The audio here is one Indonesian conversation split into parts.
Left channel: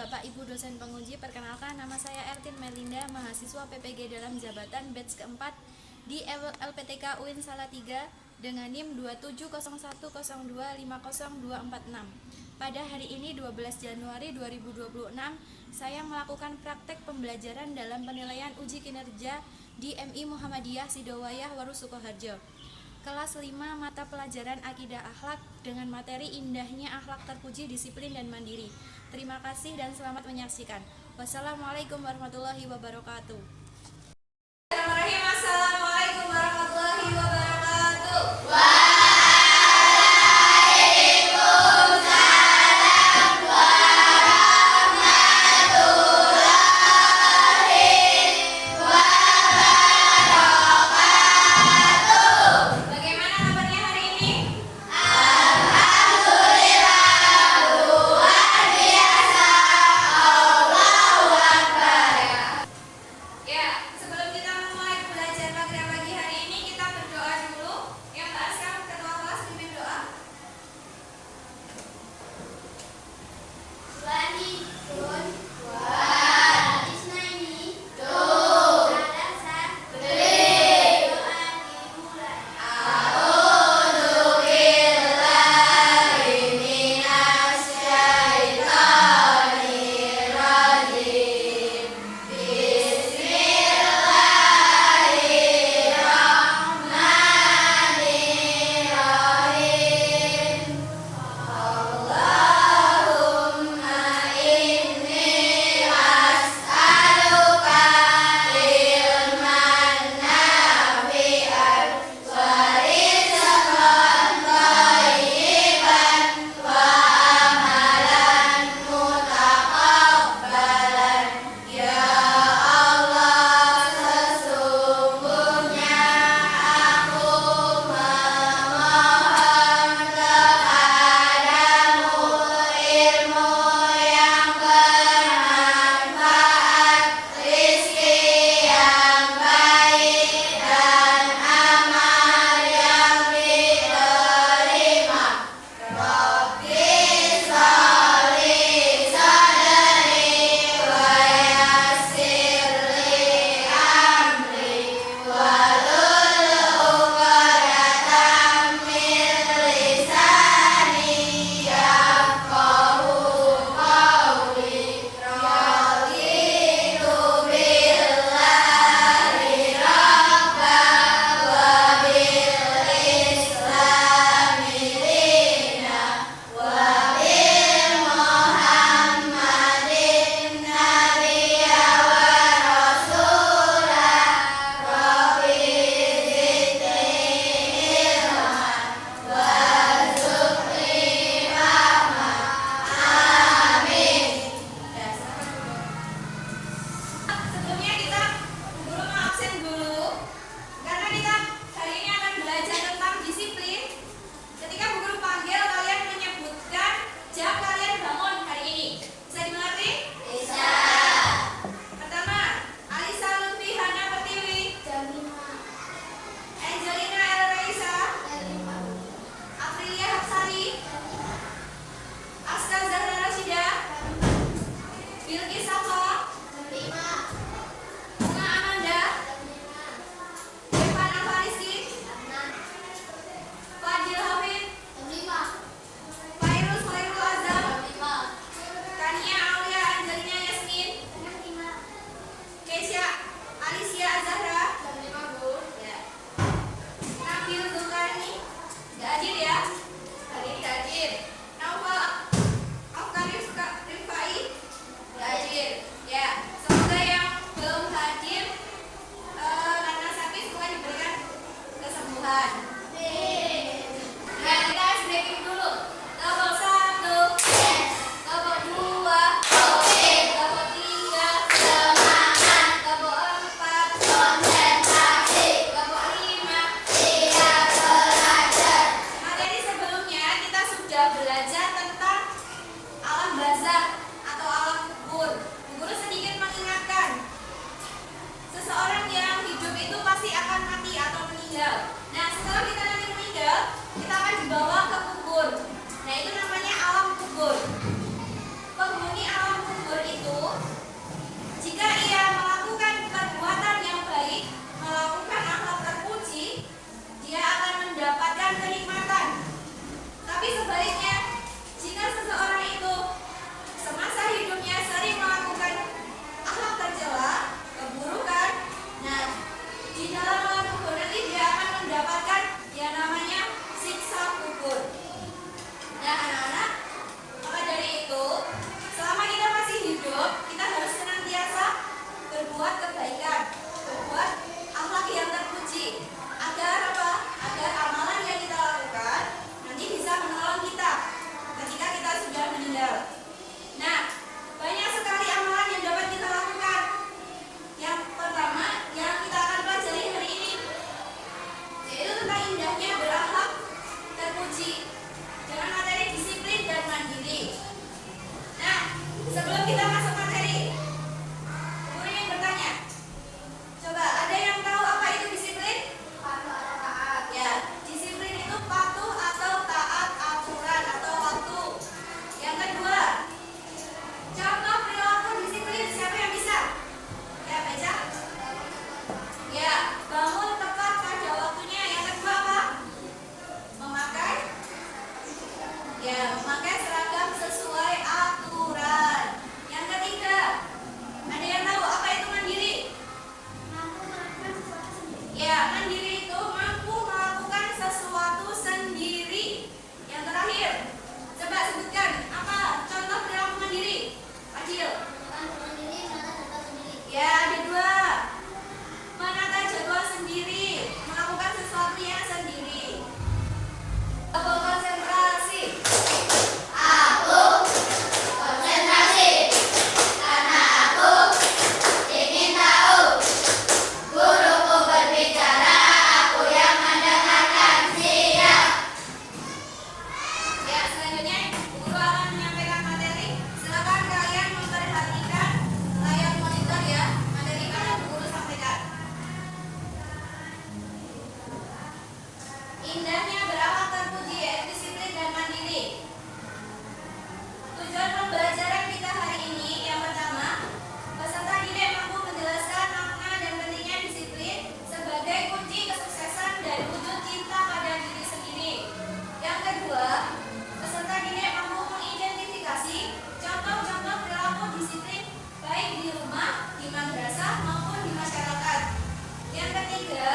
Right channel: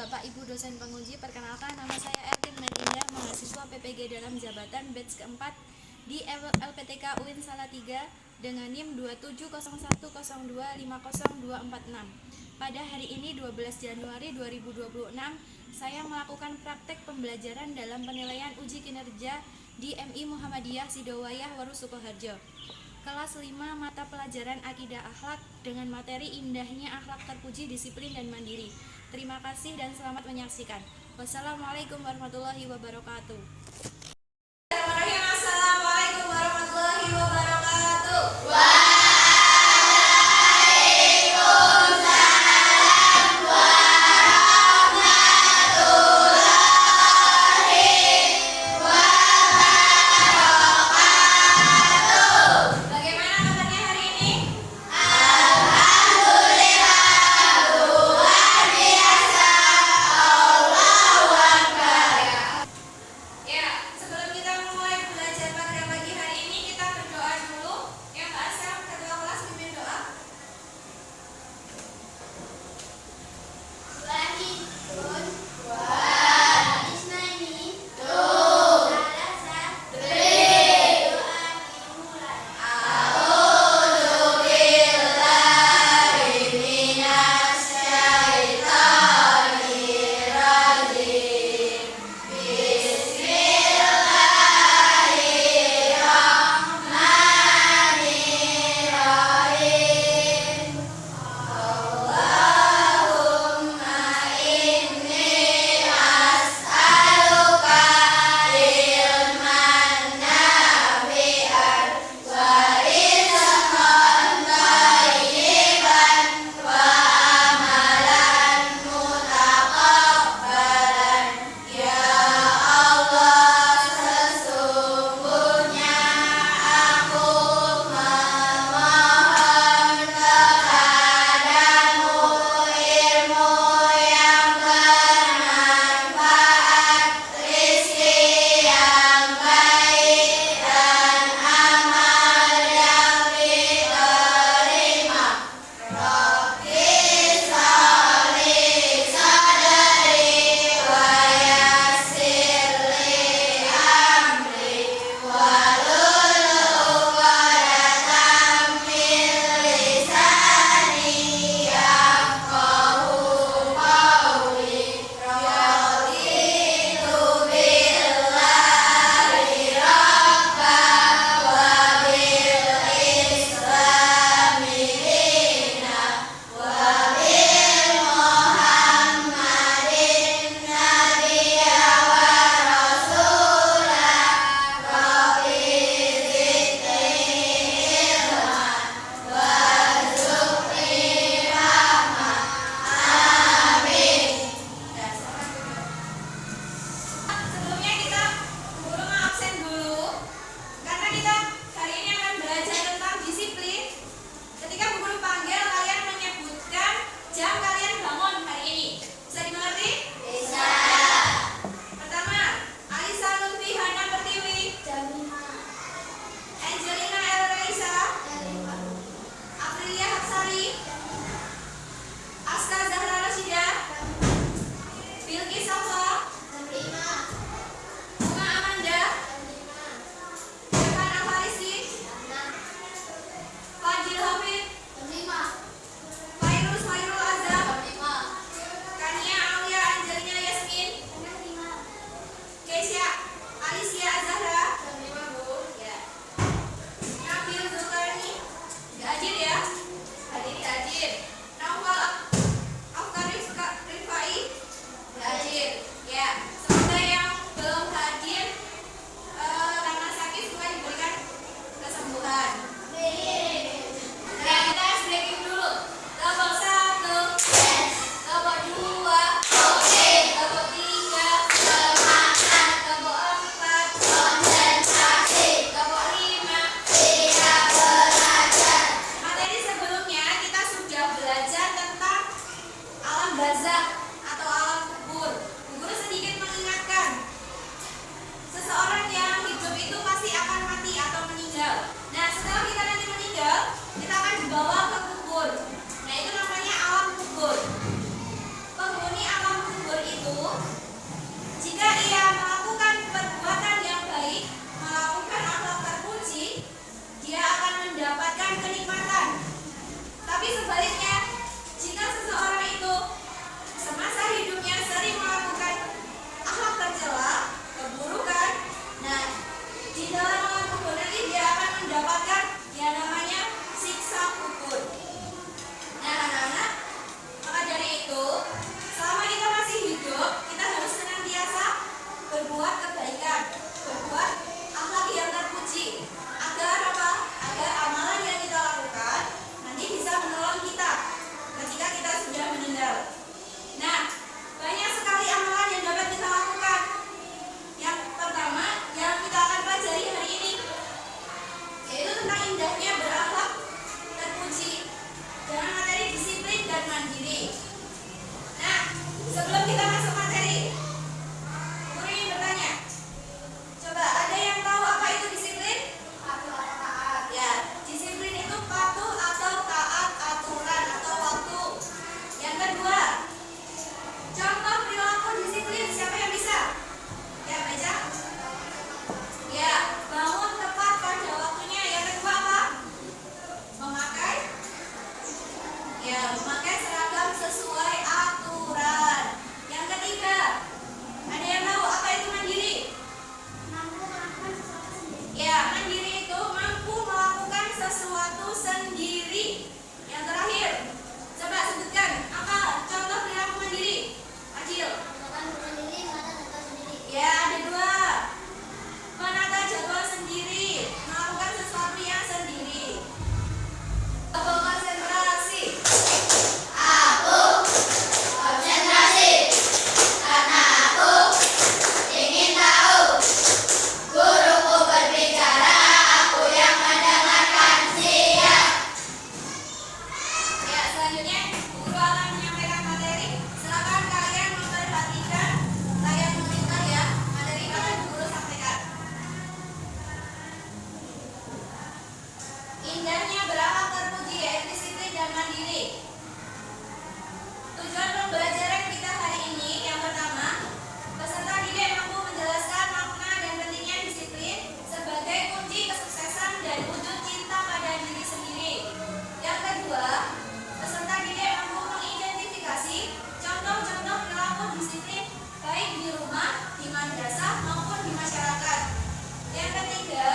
Bapak Ibu dosen penguji, perkenalkan nama saya Ertin Melinda, mahasiswa PPG dalam jabatan batch keempat di LPTK UIN Salatiga dengan NIM 27010250246. Pada hari ini 12 Januari 2026, saya melakukan praktek pembelajaran dalam penilaian uji kinerja di MI Muhammadiyah Sidowayah Waru Sukoharjo. Kelas 5 mata pelajaran Akidah Akhlak dengan materi indahnya akhlak terpuji, disiplin dan mandiri. Terima kasih dan selamat menyaksikan. Wassalamualaikum warahmatullahi wabarakatuh. Assalamualaikum warahmatullahi wabarakatuh. Bagaimana kabarnya hari ini? Ya, sebelum kita mulai belajar pada pagi hari ini, kita berdoa dulu. Yang Mbak Asyam, ketua kelas, pimpin doa. Sebelumnya kita guru mau absen dulu karena kita hari ini akan belajar tentang disiplin. Ketika Bu Guru panggil, kalian menyebutkan jam kalian bangun hari ini. Bisa dimengerti? Bisa. Pertama, Alisa Lutfi Hana Pertiwi. Jam 5. Angelina El Raisa. Jam 5. Aprilia Hapsari. Aska Zahra Rashida. Bilqis Safa. Jam 5. Bunga Amanda. Irfan Afarisi. Jam 6. Fadil Hafid. Jam 5. Fairul Azam. Jam 5. Kania Aulia Angelina Yasmin. Jam 5. Keisha Alicia Zahra. Jam 5, Bu. Ya. Nabil Zulkarni. Gak hadir ya? Hari ini gak hadir. Naufal Afkan Rifai. Gak hadir. Ya. Semoga yang belum hadir karena sakit semoga diberikan kesembuhan. Nah, kita breaking dulu. Kelompok 1, kelompok 2, kelompok 3, kelompok 4, kelompok 5. Materi sebelumnya kita sudah belajar tentang alam barzakh atau alam kubur. Guru sedikit mengingatkan, seseorang yang hidup itu pasti akan mati atau meninggal. Nah, setelah kita nanti meninggal, kita akan dibawa ke kubur. Nah, itu namanya alam kubur. Penghuni alam kubur dia melakukan perbuatan yang baik, melakukan akhlak terpuji, dia akan mendapatkan kenikmatan. Tapi sebaliknya, jika seseorang itu semasa hidupnya sering melakukan akhlak tercela, keburukan, nah di dalam alam kubur nanti dia akan mendapatkan yang namanya siksa kubur. Nah anak-anak, maka dari itu selama kita masih hidup, kita harus senantiasa berbuat kebaikan, berbuat akhlak yang terpuji, agar apa? Agar amalan yang kita lakukan nanti bisa menolong kita ketika kita sudah meninggal. Nah, banyak sekali amalan yang dapat kita lakukan. Yang pertama yang kita akan pelajari hari ini yaitu tentang indahnya berakhlak terpuji dengan materi disiplin dan mandiri. Nah, sebelum kita masuk materi, guru ingin bertanya. Coba ada yang tahu apa itu disiplin? Taat. Ya, disiplin itu patuh atau taat aturan atau waktu. Yang kedua, contoh perilaku disiplin, siapa yang bisa? Ya, baca. Ya, bangun tepat pada waktunya. Yang kedua apa? Memakai seragam sesuai aturan. Yang ketiga, ada yang tahu apa itu mandiri? Mampu melakukan sesuatu sendiri. Ya, mandiri itu mampu melakukan sesuatu sendiri. Yang terakhir, coba sebutkan apa contoh perilaku mandiri? Adil. Makan sendiri, menata jadwal sendiri. Ya, ada dua. Menata jadwal sendiri, melakukan sesuatu yang sendiri. Konsentrasi. Aku konsentrasi karena aku ingin tahu. Guruku berbicara, aku yang mendengarkan. Siap. Ya, selanjutnya guru akan menyampaikan materi. Silakan kalian memperhatikan layar monitor ya. Materi yang akan guru sampaikan. Indahnya berakhlak terpuji yaitu disiplin dan mandiri. Tujuan pembelajaran kita hari ini yang pertama, peserta didik mampu menjelaskan makna dan pentingnya disiplin sebagai kunci kesuksesan dan wujud cinta pada diri sendiri. Yang kedua, peserta didik mampu mengidentifikasi contoh-contoh perilaku disiplin baik di rumah, di madrasah maupun di masyarakat. Yang ketiga,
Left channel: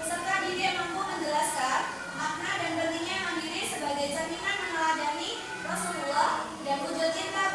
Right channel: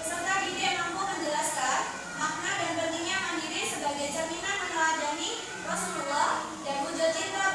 peserta didik mampu menjelaskan makna dan pentingnya mandiri sebagai cerminan meneladani Rasulullah dan wujud cinta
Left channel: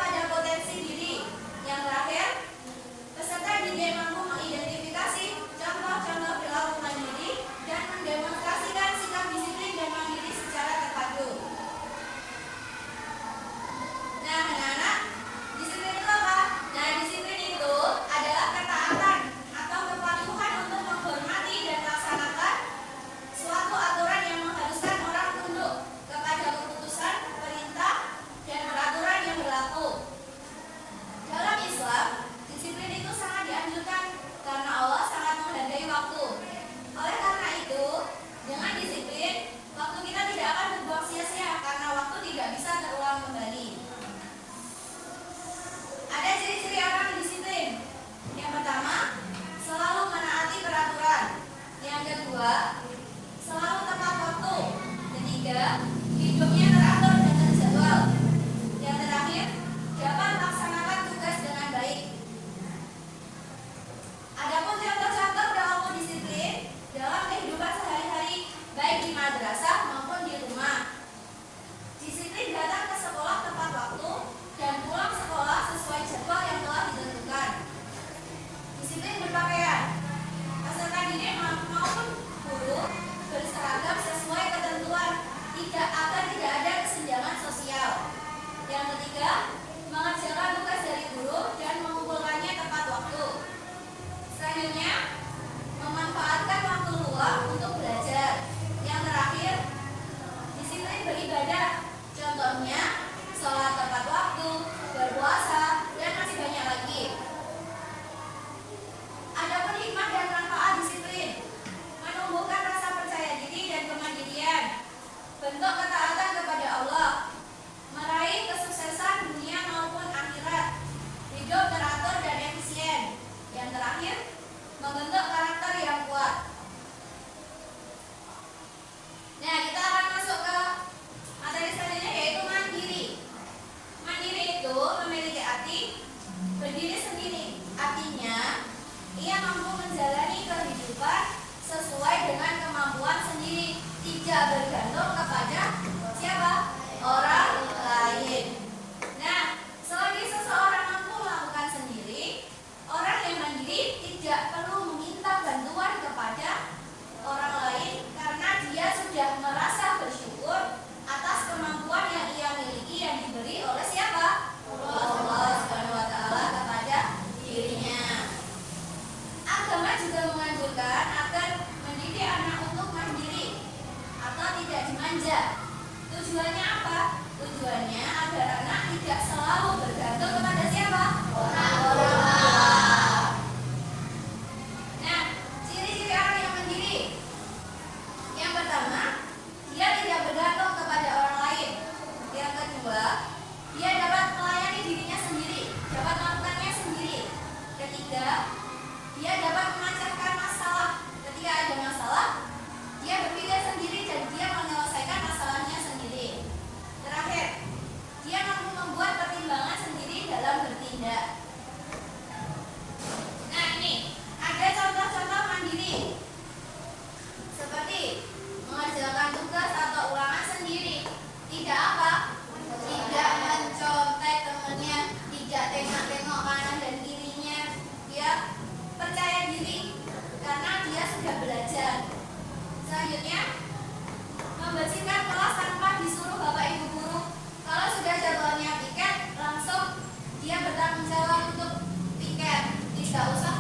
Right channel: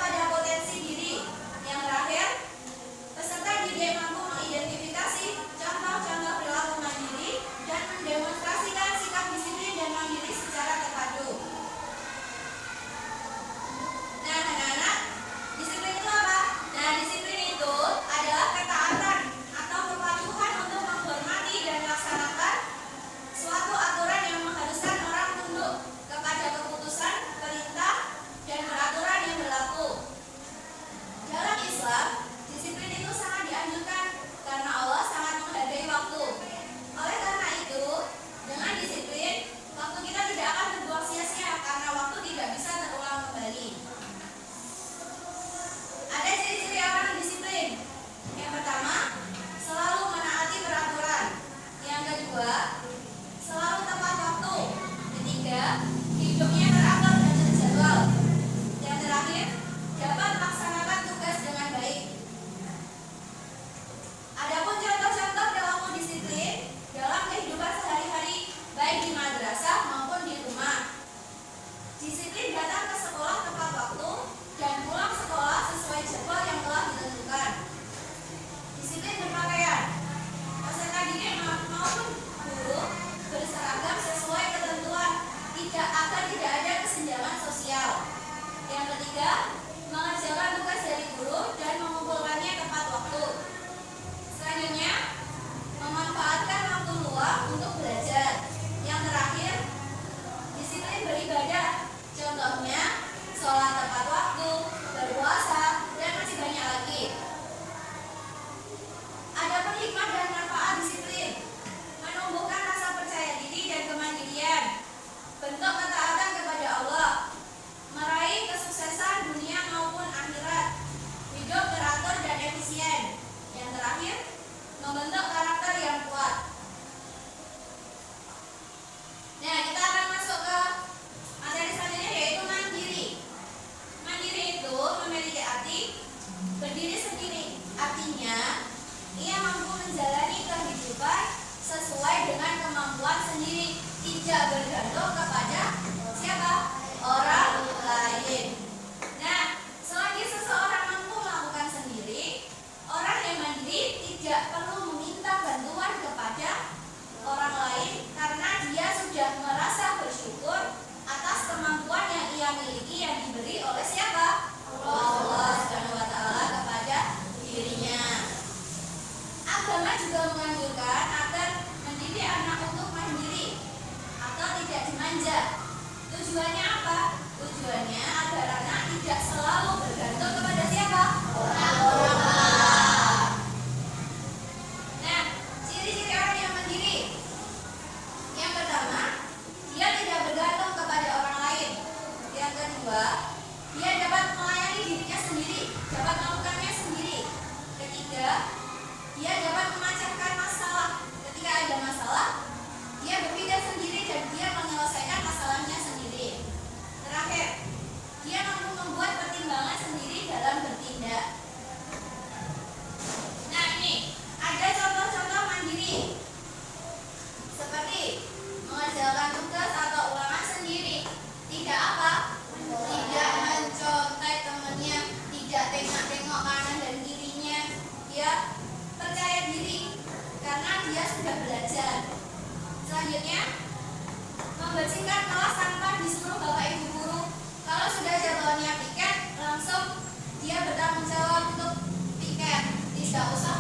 tidak bergantung kepada siapa? Orang lain. Nah, selagi seseorang mampu melakukan sendiri, orang yang mandiri tidak perlu meminta bantuan kepada orang lain karena dia sudah merasa bersyukur atas kemampuan yang ia miliki yang diberi oleh siapa? Allah Subhanahu wa taala kepada dirinya. Agama juga menganjurkan agar mendidik anak untuk mandiri atau tidak dimanja. Tujuannya apa? Tujuannya agar anak tidak selalu bergantung kepada siapa? Orang tua. Nah, ciri-ciri orang yang mandiri. Yang pertama, dia tidak bergantung kepada orang lain. Yang kedua, dia dapat melayani dirinya sendiri, dapat melakukannya sendiri. Ketiga, dia dapat memecahkan masalah. Ketika ada masalah, dia berpikir sendiri dan dia menyelesaikan masalahnya sendiri. Terakhir, dia mampu membuat pertimbangan sendiri dalam bertindak. Nah, ini ada contoh-contoh mandiri. Seperti mengerjakan tugas atau ulangan sendiri. Tidak apa? Tidak mencontek temannya, tidak tengok-tengok kanan dan kirinya. Dia percaya diri karena dia sudah belajar. Selanjutnya, membersihkan kelas tanpa disuruh bapak ibu guru. Kalau sudah jadwalnya piket, langsung dia bertanggung jawab untuk piket. Tidak usah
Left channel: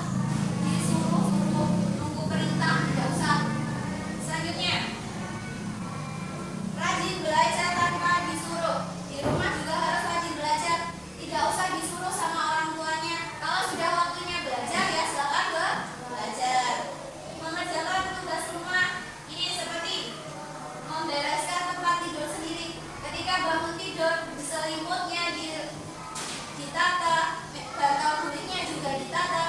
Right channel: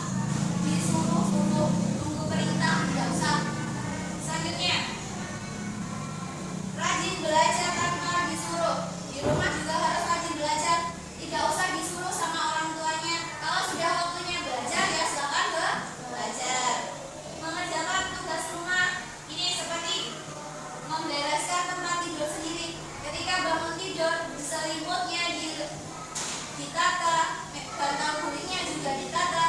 disuruh-suruh nunggu perintah, tidak usah. Selanjutnya, rajin belajar tanpa disuruh. Di rumah juga harus rajin belajar, tidak usah disuruh sama orang tuanya. Kalau sudah waktunya belajar, ya silakan belajar. Mengerjakan tugas rumah ini seperti membereskan tempat tidur sendiri. Ketika bangun tidur, selimutnya ditata, bantal gulingnya juga ditata.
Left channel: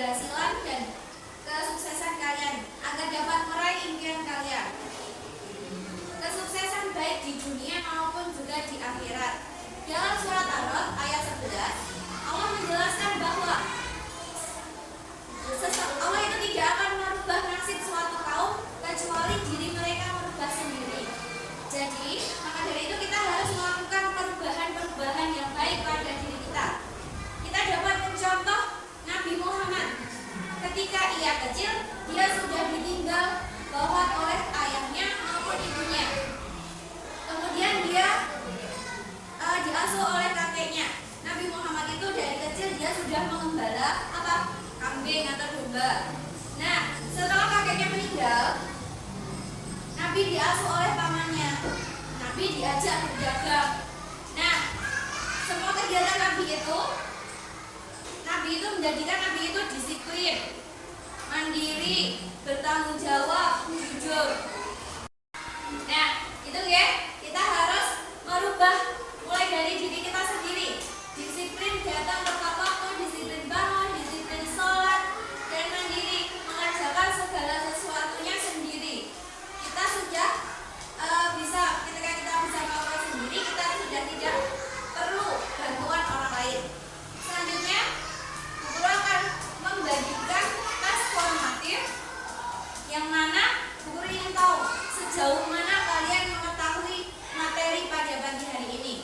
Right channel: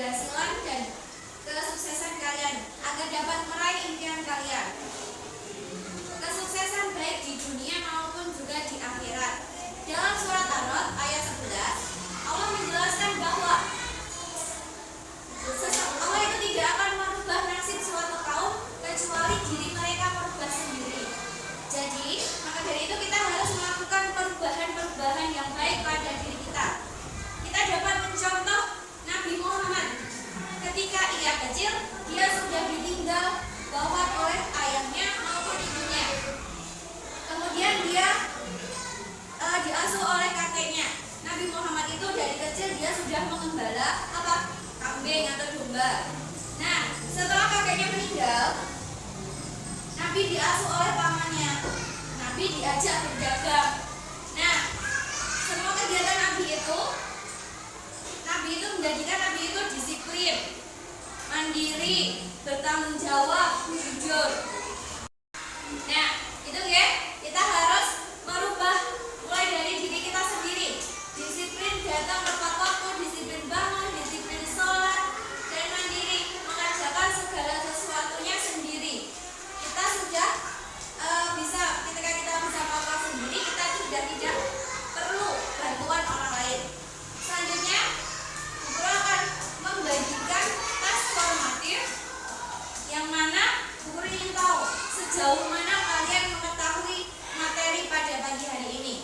keberhasilan dan kesuksesan kalian agar dapat meraih impian kalian. Kesuksesan baik di dunia maupun juga di akhirat. Dalam surat Ar-Ra'd ayat 11, Allah menjelaskan bahwa Allah itu tidak akan merubah nasib suatu kaum kecuali diri mereka merubah sendiri. Jadi, maka dari itu kita harus melakukan perubahan-perubahan yang baik pada diri kita. Kita dapat mencontoh Nabi Muhammad. Ketika ia kecil, dia sudah ditinggal bawah oleh ayahnya maupun ibunya. Kemudian dia diasuh oleh kakeknya. Nabi Muhammad itu dari kecil dia sudah mengembala kambing atau domba. Nah, setelah kakeknya meninggal, Nabi diasuh oleh pamannya. Nabi diajak berdagang. Nah, semua kegiatan Nabi itu menjadikan Nabi itu disiplin, mandiri, bertanggung jawab, jujur. Nah, itu ya, kita harus merubah mulai dari diri kita sendiri. Disiplin datang tepat waktu, disiplin bangun, disiplin sholat, dan mandiri mengerjakan segala sesuatunya sendiri. Kita sudah ketika kita bisa melakukan sendiri, kita sudah tidak perlu bantuan orang lain. Selanjutnya, guru akan membagikan tes formatif yang mana guru ingin tahu sejauh mana kalian mengetahui materi pada pagi hari ini.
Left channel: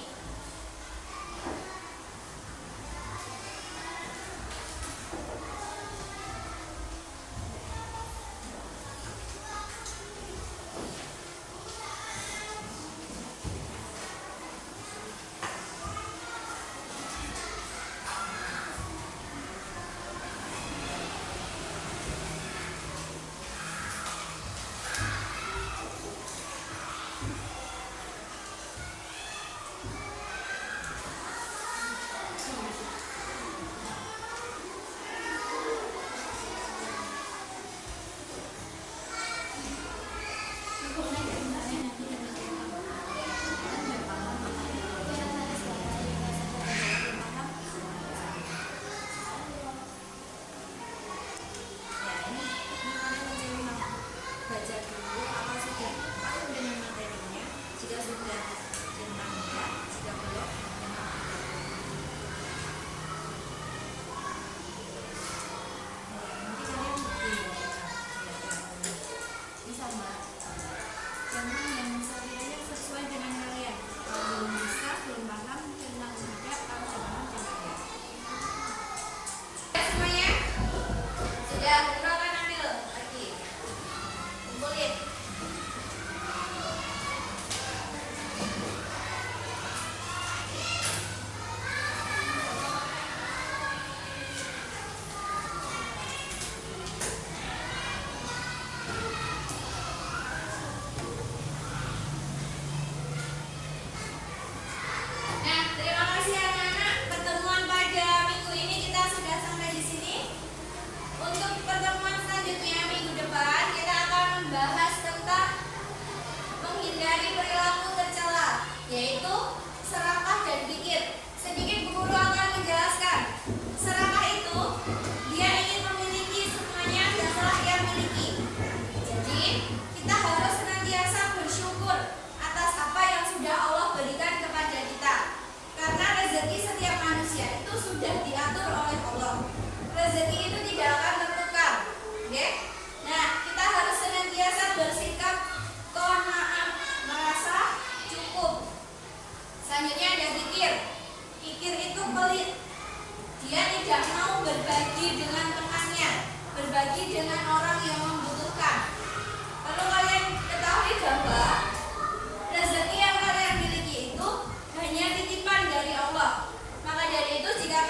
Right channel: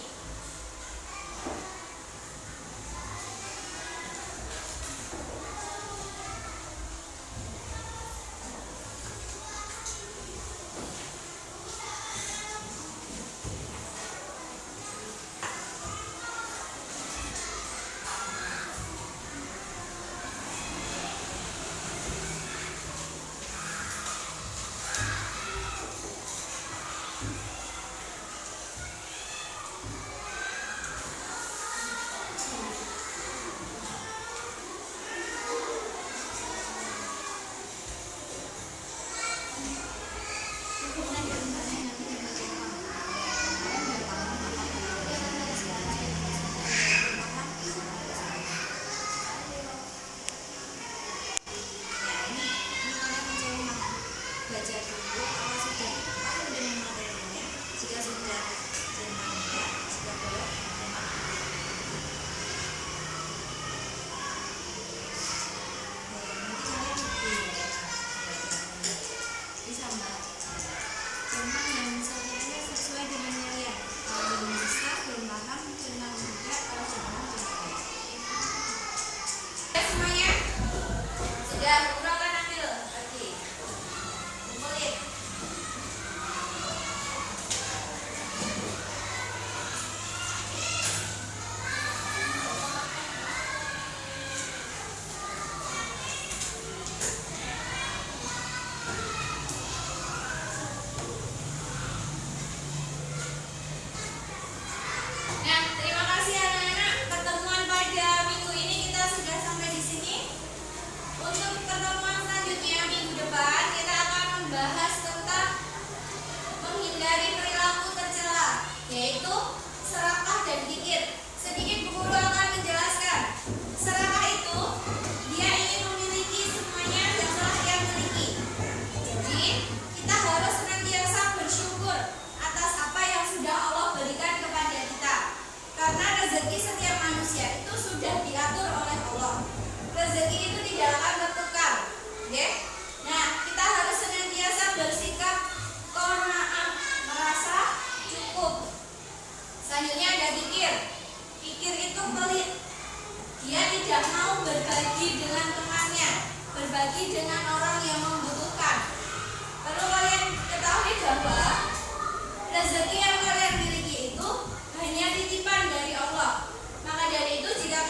Yaitu serakah dan kikir. Sedikit Bu Guru akan menjelaskan. Serakah itu dia ingin memiliki semuanya yang telah ia miliki. Jadi kita harus senantiasa bersyukur atas apa yang sudah Allah berikan kepada kita. Karena rezeki setiap manusia itu sudah diatur oleh Allah. Rezeki itu tidak akan tertukar. Oke? Nah, kita harus senantiasa bersikap qanaah, merasa cukup. Selanjutnya ada kikir. Kikir itu pelit. Dia tidak mau berbagi dengan temannya, berbagi dengan orang yang membutuhkan. Perlu kalian ketahui bahwa rezeki yang kalian miliki itu hanya titipan dari Allah. Maka dari itu jika